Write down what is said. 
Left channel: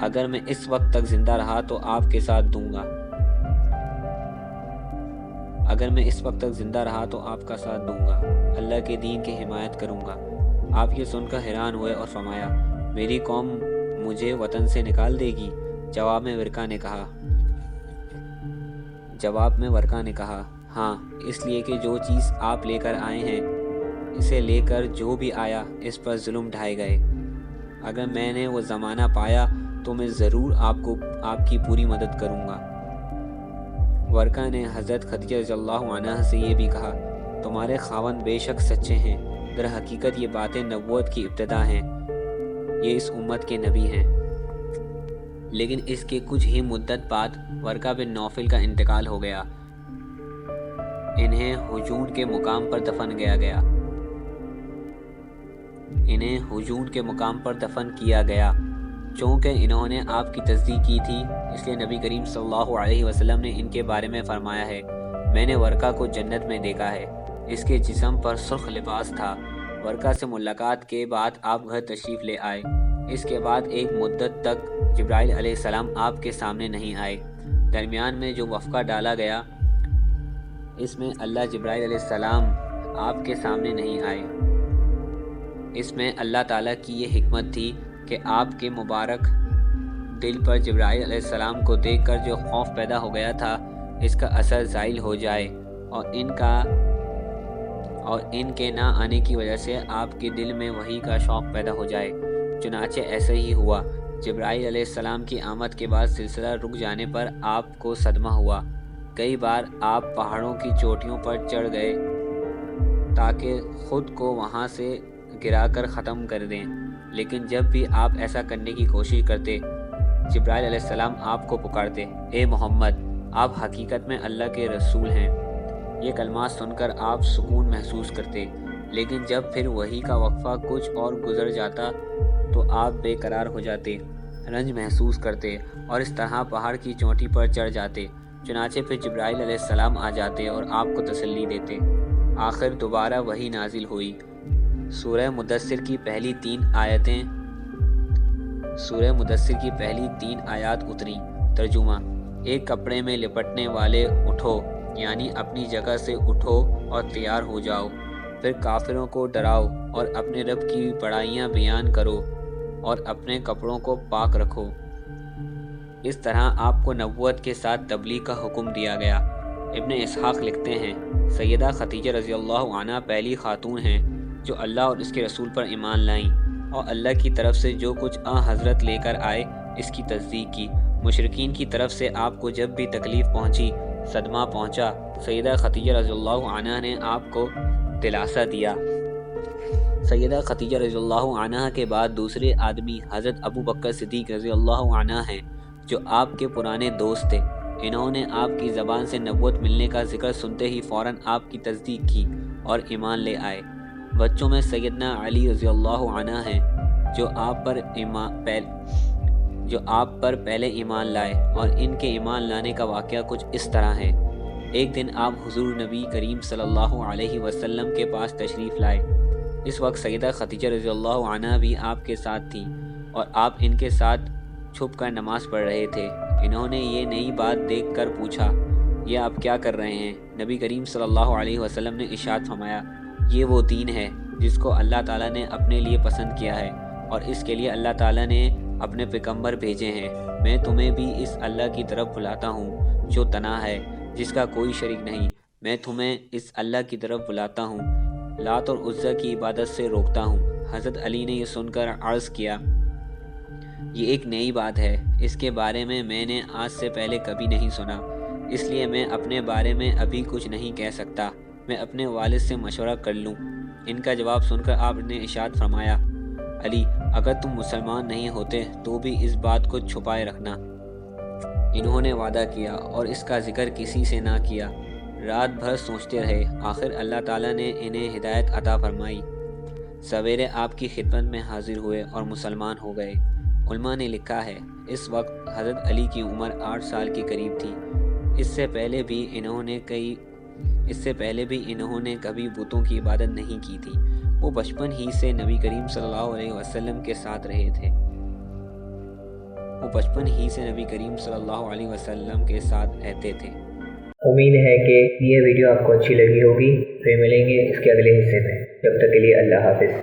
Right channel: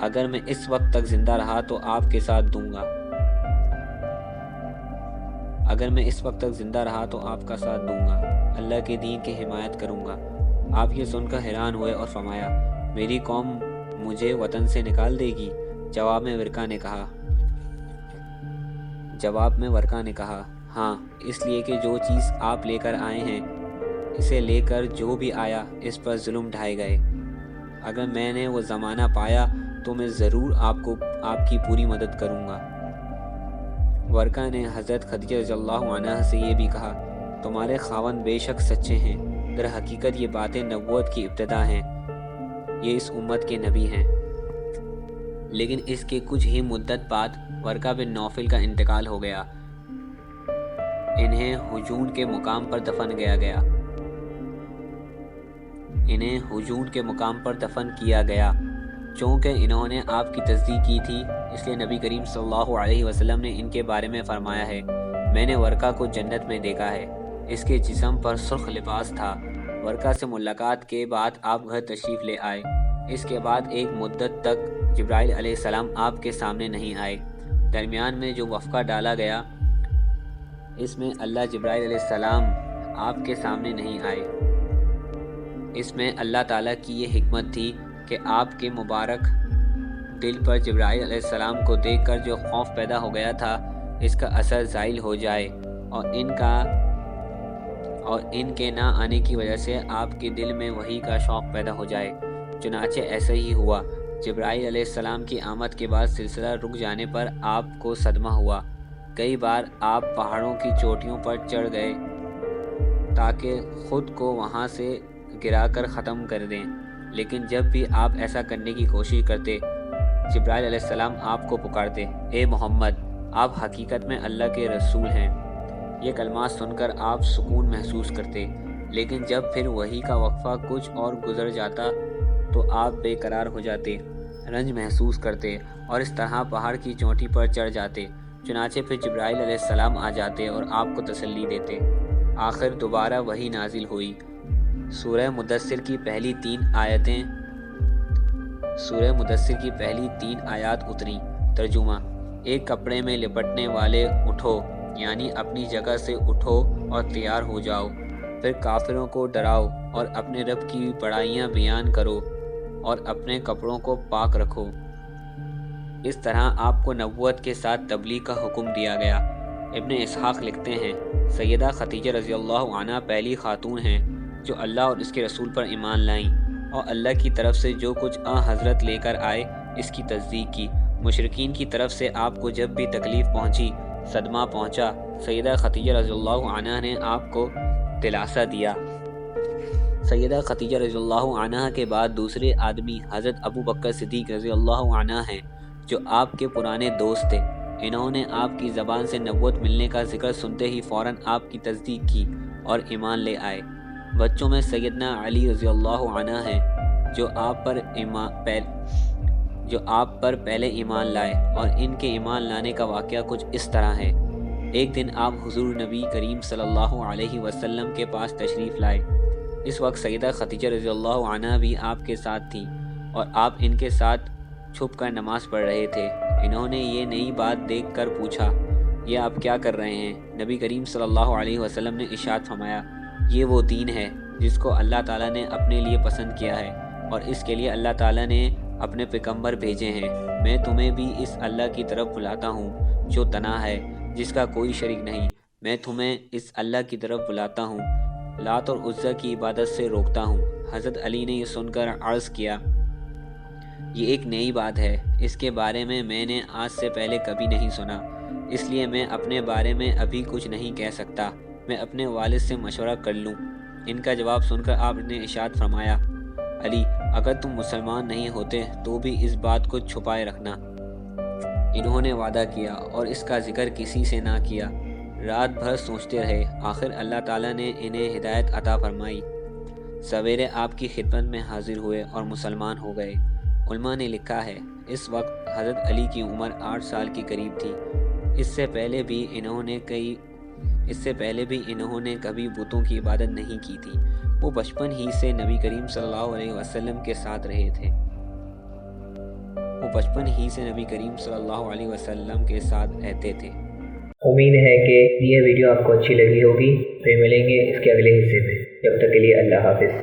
اگر میں اس وقت تک زندہ رہا تو آپ کے ساتھ دوں گا اگر میں اس وقت تک زندہ رہا تو آپ کا ساتھ دوں گا، اللہ کے دین کی حمایت کروں گا۔ آپ یہ سن کر حیران ہوئے اور فرمایا، میری قوم مجھے وطن سے نکال دے گی؟ جواب میں ورقہ نے کہا ہاں، اس لیے کہ جو چیز آپ لے کر آئے ہیں، اسے لے کر جو بھی آیا اس پر ظلم ڈھائے گئے۔ اگر میں نے وہ زمانہ پایا تو میں ضرور آپ کی پوری مدد کروں گا۔ ورقہ نے حضرت خدیجہ رضی اللہ عنہا سے یہ بھی کہا، تمہارے خاوند بے شک سچے ہیں، در حقیقت یہ باتیں نبوت کی ابتدا ہیں، یہ اس امت کے نبی ہیں۔ لیکن اس کے کچھ ہی مدت بعد ورقہ بن نوفل کا انتقال ہو گیا۔ انہیں ہجون کے مقام پر دفن کیا گیا۔ چونکہ انہوں نے آپ کی تصدیق کی تھی، اس لیے نبی کریم صلی اللہ علیہ وسلم نے ان کے بارے میں فرمایا ہے، میں نے ورقہ کو جنت میں دیکھا ہے، اس کے جسم پر سرخ لباس تھا۔ ورقہ سے ملاقات کے بعد آپ گھر تشریف لے آئے۔ اس کے بعد ایک مدت تک جبرائیل علیہ السلام آپ کے سامنے نہیں آئے۔ درمیان میں جو وقفہ ڈالا گیا، اس میں جبرائیل علیہ السلام آپ کے سامنے نہیں آئے۔ اس میں اللہ تعالیٰ کی یہ حکمت تھی کہ آپ کے مبارک دل پر جبرائیل علیہ السلام کو دیکھ کر جو خوف پیدا ہو گیا تھا، اس کا اثر زائل ہو جائے اور ان کے نہ آنے کی وجہ سے آپ کے دل میں وحی کا شوق پیدا ہو جائے۔ چنانچہ ایسا ہی ہوا۔ جبرائیل علیہ السلام کی آمد کے بعد سلسلہ رک جانے پر آپ کو صدمہ ہوا۔ کئی بار آپ پہاڑوں کی چوٹیوں پر چڑھ گئے تاکہ خود کو وہاں سے گرا کر ختم کر دیں، لیکن جب بھی آپ ایسا کرنے کی کوشش کرتے، جبرائیل علیہ السلام آپ کو پکارتے، اے محمد، آپ حقیقت میں اللہ کے رسول ہیں۔ یہ کلمات سن کر آپ سکون محسوس کرتے، لیکن جب پھر وحی کا وقفہ کچھ اور گزر جاتا تو آپ بے قرار ہو جاتے، رنج محسوس کرتے اور اس طرح پہاڑ کی چوٹی پر چڑھ جاتے۔ چنانچہ پھر جبرائیل علیہ السلام آ جاتے اور آپ کو تسلی دیتے۔ آخر دوبارہ وحی نازل ہوئی۔ سورہ مدثر کی پہلی 3 آیات اتریں۔ ترجمہ: ایک کپڑے میں لپٹنے والے اٹھو، یعنی اپنی جگہ سے اٹھو اور تیار ہو جاؤ، پھر کافروں کو ڈراؤ اور اپنے رب کی بڑائیاں بیان کرو اور اپنے کپڑوں کو پاک رکھو۔ اس طرح آپ کو نبوت کے ساتھ تبلیغ کا حکم دیا گیا۔ ابن اسحاق لکھتے ہیں، سیدہ خدیجہ رضی اللہ عنہا پہلی خاتون ہیں جو اللہ اور اس کے رسول پر ایمان لائیں اور اللہ کی طرف سے جو کچھ حضرت لے کر آئے اس کی تصدیق کی۔ مشرکین کی طرف سے آپ کو جب بھی تکلیف پہنچی، صدمہ پہنچا، سیدہ خدیجہ رضی اللہ عنہا نے آپ کو دلاسا دیا۔ سیدہ خدیجہ رضی اللہ عنہا کے بعد دوسرے آدمی حضرت ابو بکر صدیق رضی اللہ عنہ ہیں، جو آپ کے پرانے دوست تھے۔ انہوں نے آپ کی زبان سے نبوت ملنے کا ذکر سنتے ہی فوراً آپ کی تصدیق کی اور ایمان لے آئے۔ بچوں میں سیدنا علی رضی اللہ عنہ ہیں، جو آپ پر پہلے ایمان لائے، اور ان کے ایمان لانے کا واقعہ کچھ اس طرح ہے۔ ایک دن آپ حضور نبی کریم صلی اللہ علیہ وسلم کے پاس تشریف لائے۔ اس وقت سیدہ خدیجہ رضی اللہ عنہا بھی آپ کے ساتھ تھیں اور آپ ان کے ساتھ چھپ کر نماز پڑھ رہے تھے۔ انہوں نے یہ نئی بات دیکھ کر پوچھا، یہ آپ کیا کر رہے ہیں؟ نبی کریم صلی اللہ علیہ وسلم نے ارشاد فرمایا، یہ وہ دین ہے جس کو اللہ تعالیٰ نے اپنے لیے پسند کیا ہے اور اس کے لیے اللہ تعالیٰ نے اپنے پیغمبر بھیجے ہیں۔ میں تمہیں بھی اس اللہ کی طرف بلاتا ہوں جو تنہا ہے، جس کا کوئی شریک نہیں۔ میں تمہیں اس اللہ کی طرف بلاتا ہوں، لات اور عزا کی عبادت سے روکتا ہوں۔ حضرت علی نے یہ سن کر عرض کیا، یہ ایک نئی بات ہے، اس کے بارے میں نے آج سے پہلے کبھی نہیں سنا، اس لیے میں اپنے بارے میں ابھی کچھ نہیں کہہ سکتا، میں اپنے والد سے مشورہ کر لوں۔ ان کا جواب سن کر آپ نے ارشاد فرمایا، علی، اگر تم مسلمان نہیں ہوتے تو بھی اس بات کو چھپائے رکھنا۔ انہوں نے وعدہ کیا اور اس کا ذکر کسی سے نہ کیا۔ رات بھر سوچتے رہے، آخر اللہ تعالیٰ نے انہیں ہدایت عطا فرمائی۔ سویرے آپ کی خدمت میں حاضر ہوئے اور مسلمان ہو گئے۔ علماء نے لکھا ہے، اس وقت حضرت علی کی عمر 8 سال کے قریب تھی۔ اس سے پہلے بھی انہوں نے کبھی بتوں کی عبادت نہیں کی تھی۔ وہ بچپن ہی سے نبی کریم صلی اللہ علیہ وسلم کے ساتھ رہے تھے۔ وہ بچپن ہی سے نبی کریم صلی اللہ علیہ وسلم کے ساتھ رہتے تھے۔ امید ہے کہ یہ ویڈیو آپ کو اچھی لگی ہوگی، پھر ملیں گے اس کے اگلے حصے میں، جب تک کے لیے اللہ حافظ۔